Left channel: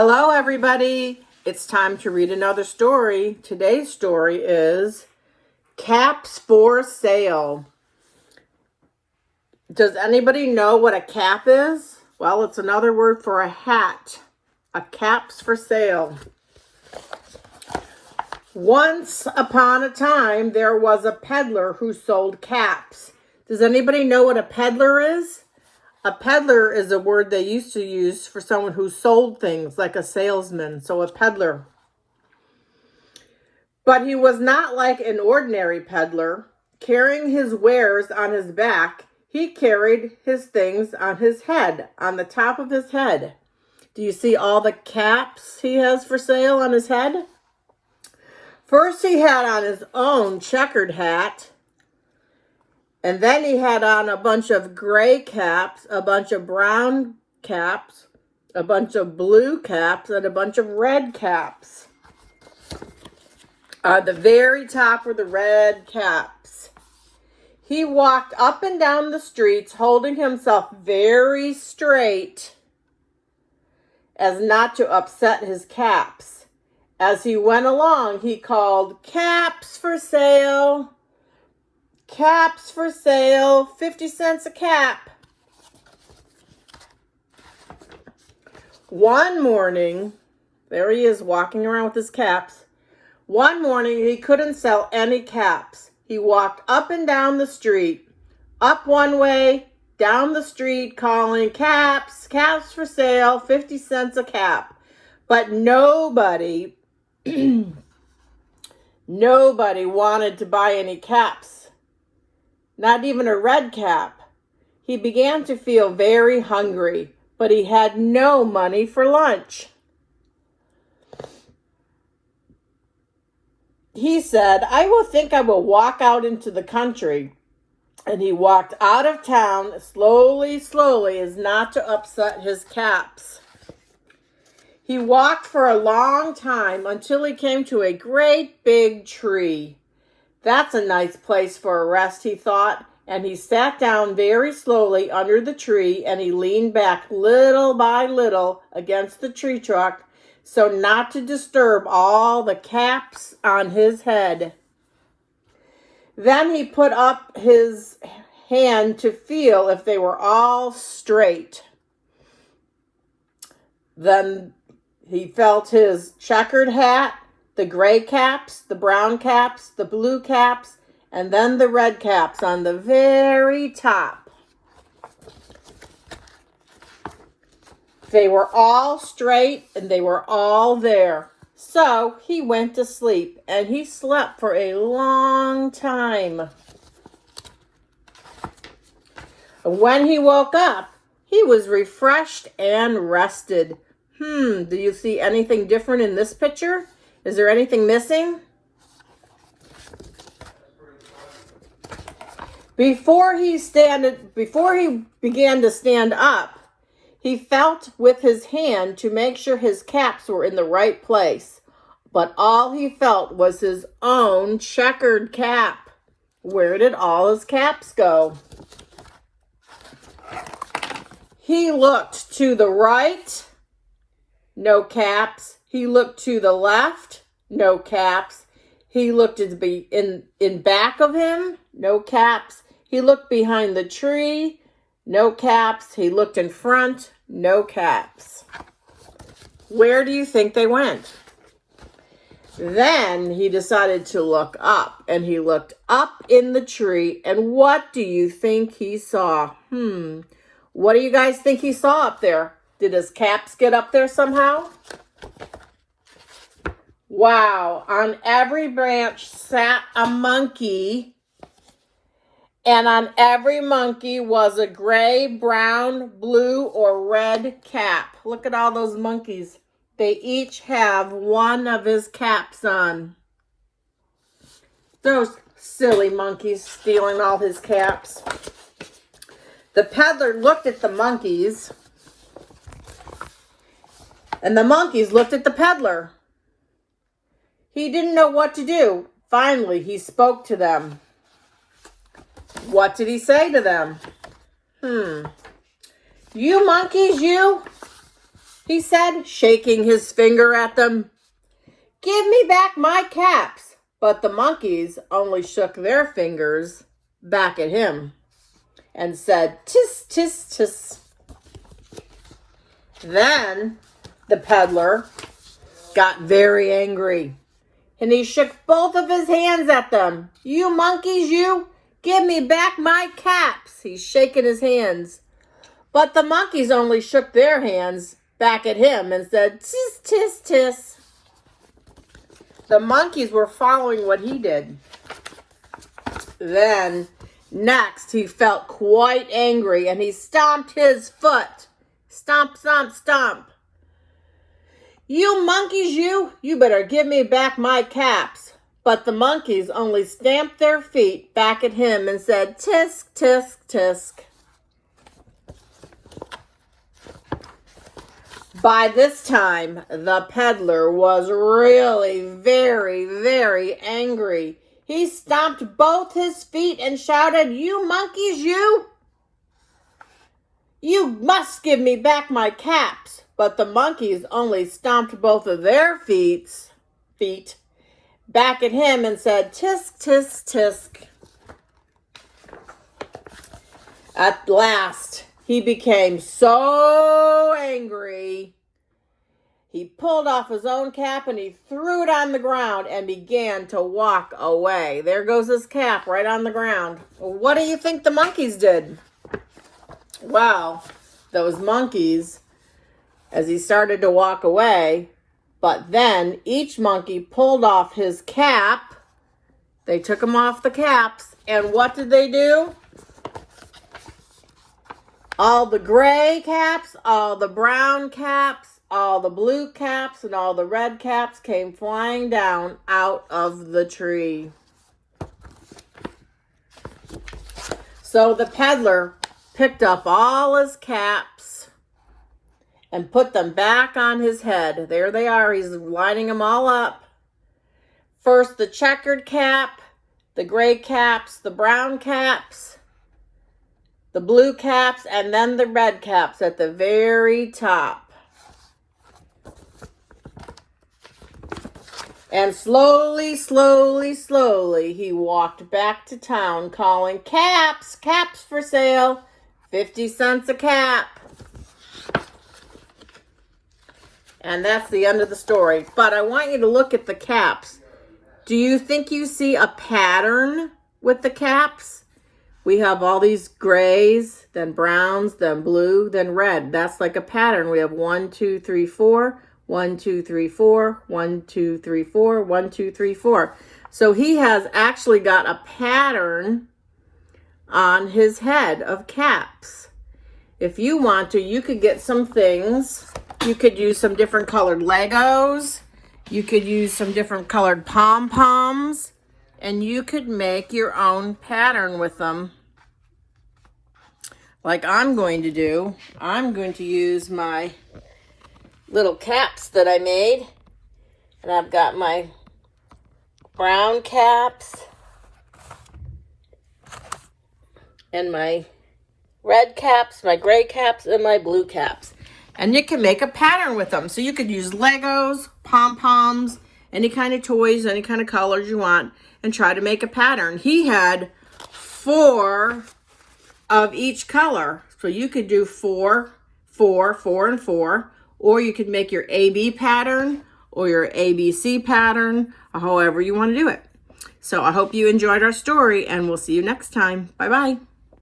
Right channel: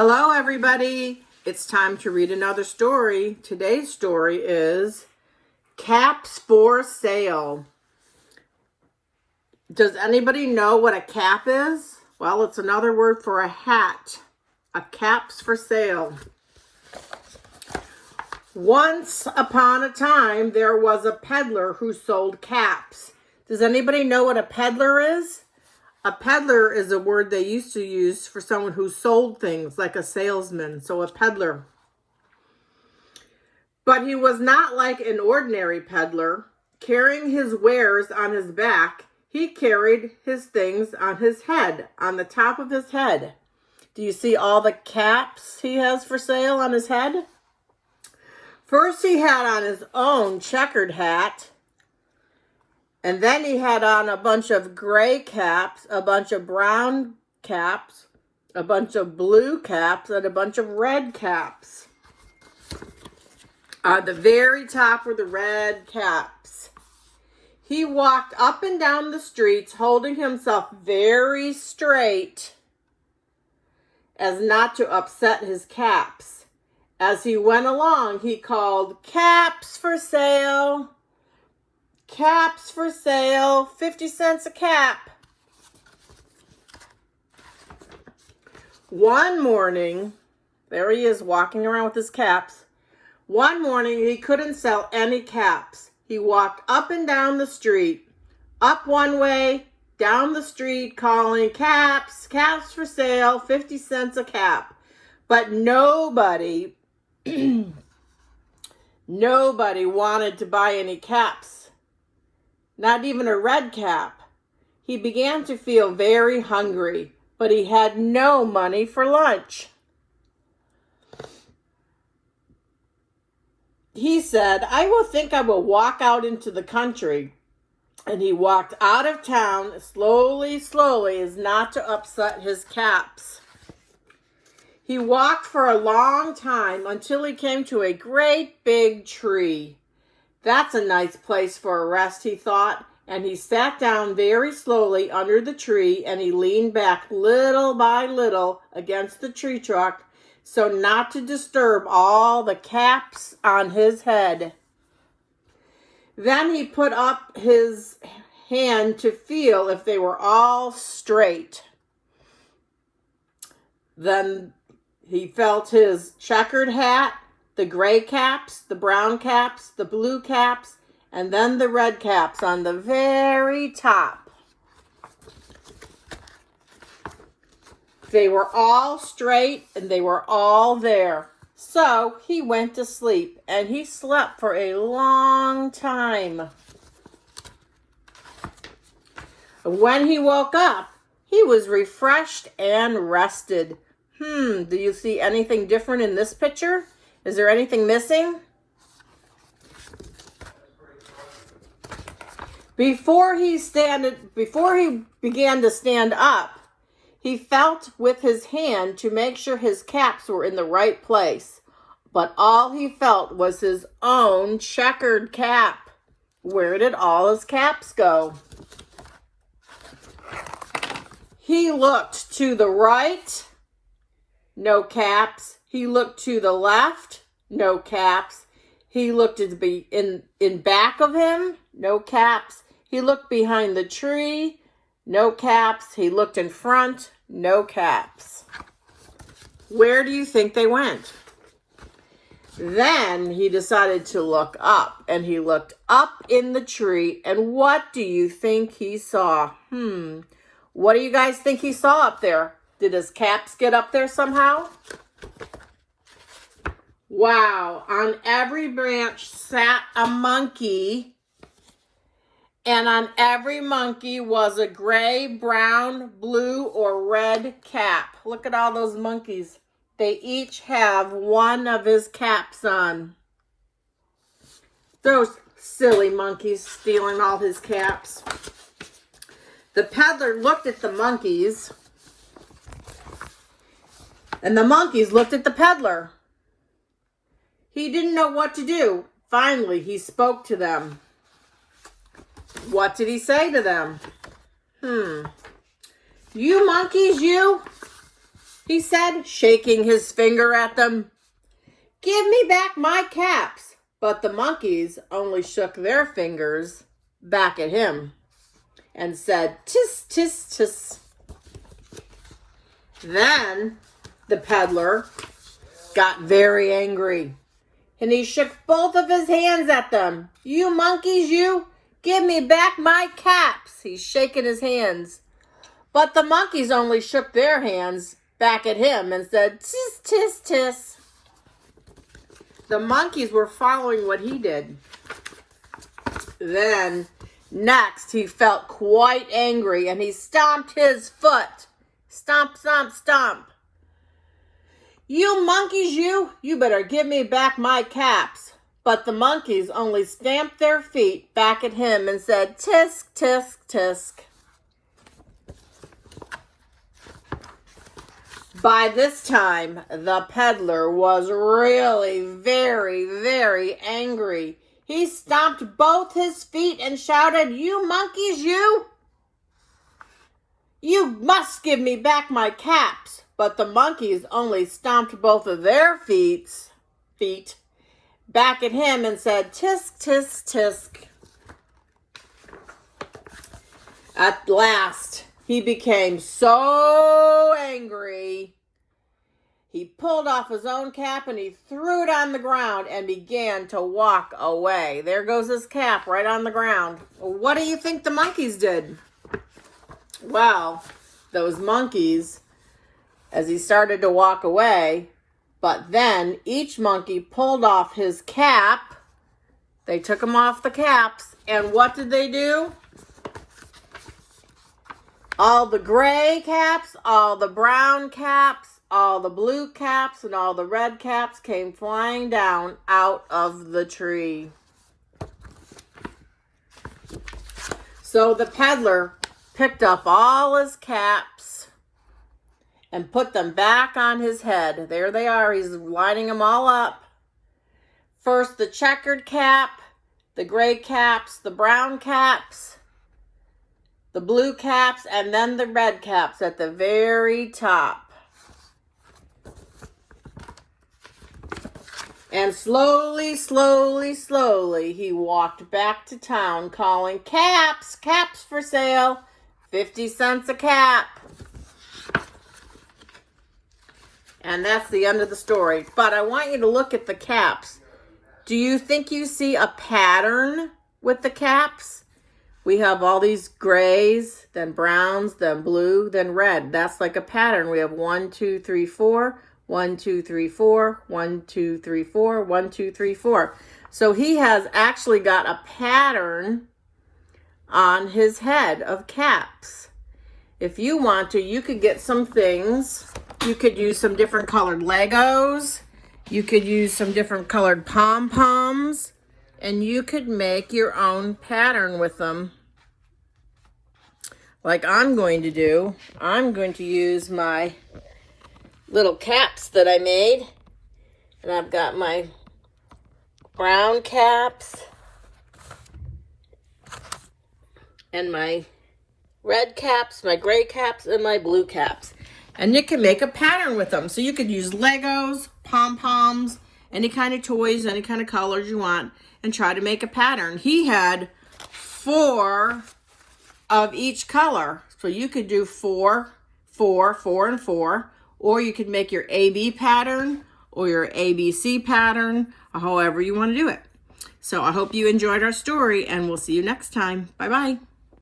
Hello, everybody. It's time to read another story. Today's story is Caps for Sale. Does anybody know what a cap is? Well, it's another word for a hat. A cap's for sale. Once upon a time, there was a peddler who sold caps. Does anybody know what a peddler is? A peddler is a word they used to use for someone who sold things, like a salesman, so a peddler. But he was not like an ordinary peddler. Carrying his wares on his back, he carried his things on his head, on the top of his head. Do you see all the caps he has for sale on his head? First, he had on his own checkered hat. And then he had on a bunch of gray caps, a bunch of brown caps, a bunch of blue caps, and a bunch of red caps. The very top were the red caps. He walked up and down the streets, holding himself very straight as not to upset his caps. As he went along, he called, "Caps for sale! Caps for sale, 50 cents a cap." One morning, there he is walking around with his caps. One morning, he couldn't sell any caps. He walked up and down the street, up one way, down the street, calling, "Caps, caps for sale, 50 cents a cap." But nobody wanted to buy any caps. Not even a red cap. He began to feel very hungry, but he had no money for lunch. He said, I will walk out into the country. And he walked out of town slowly, as not to upset his caps. He walked for a long time until he came to a great big tree. That's a nice place for a rest, he thought, and he sat down very slowly under the tree, and he leaned back little by little against the tree trunk so not to disturb all the caps on his head. Then he put up his hand to feel if they were all straight. Then he felt his checkered hat, the gray caps, the brown caps, the blue caps, and then the red caps on the very top. They were all straight and they were all there. So he went to sleep, and he slept for a long time. When he woke up, he was refreshed and rested. Do you see anything different in this picture? Is there anything missing? Before he began to stand up, he felt with his hand to make sure his caps were in the right place. But all he felt was his own checkered cap. Where did all his caps go? He looked to the right, no caps. He looked to the left, no caps. He looked in back of him, no caps. He looked behind the tree, no caps. He looked in front, no caps. Where do you think they went? Then he decided to look up, and he looked up in the tree, and what do you think he saw? What do you guys think he saw up there? Did his caps get up there somehow? Wow, on every branch sat a monkey, and on every monkey was a gray, brown, blue, or red cap. Look at all those monkeys. They each have one of his caps on. Those silly monkeys stealing all his caps. The peddler looked at the monkeys, and the monkeys looked at the peddler. He didn't know what to do. Finally, he spoke to them. What did he say to them? You monkeys, you. he said, shaking his finger at them. "Give me back my caps." But the monkeys only shook their fingers back at him and said, "Tis, tis, tis." Then the peddler got very angry, and he shook both of his hands at them. "You monkeys, you, give me back my caps." He's shaking his hands. But the monkeys only shook their hands back at him and said, "Tis, tis, tis." The monkeys were following what he did. Then, next, he felt quite angry, and he stomped his foot. Stomp, stomp, stomp. "You monkeys, you better give me back my caps." But the monkeys only stamped their feet back at him and said, "Tisk, tisk, tisk." By this time, the peddler was really very, very angry. He stomped both his feet and shouted, "You monkeys, you must give me back my caps." But the monkeys only stomped both of their feet back at him and said, "Tisk, tisk, tisk." At last, he became so angry, he pulled off his own cap and he threw it on the ground and began to walk away. There goes his cap right on the ground. What do you think the monkeys did? Well, those monkeys, as he started to walk away, but then each monkey pulled off his cap. They took him off the caps, and what did they do? All the gray caps, all the brown caps, all the blue caps, and all the red caps came flying down out of the tree. So the peddler picked up all his caps and put them back on his head. There they are. He's lining them all up. First the checkered cap, the gray caps, the brown caps, the blue caps, and then the red caps at the very top. And slowly, slowly, slowly, he walked back to town calling, "Caps, caps for sale, 50 cents a cap." And that's the end of the story. But I want you to look at the caps. Do you think you see a pattern with the caps? We have all these grays, then browns, then blue, then red. That's like a pattern. We have 1, 2, 3, 4, 1, 2, 3, 4, 1, 2, 3, 4, 1, 2, 3, 4. So he has actually got a pattern on his head of caps. If you want to, you could get some things. You could use some different colored Legos. You could use some different colored pom-poms. And you could make your own pattern with them. Like I'm going to do. I'm going to use my little caps that I made. And I've got my brown caps and my red caps, my gray caps, and my blue caps. And you can make a pattern with them. So you could use Legos, pom-poms, any kind of toys, any kind of colors you want, and try to make a pattern. He had 4 of each color. So you could do 4, 4, 4, and 4. Or you could make your AB pattern or your ABC pattern, or however you want to do it. So I hope you enjoyed our story, and we'll see you next time. Bye-bye.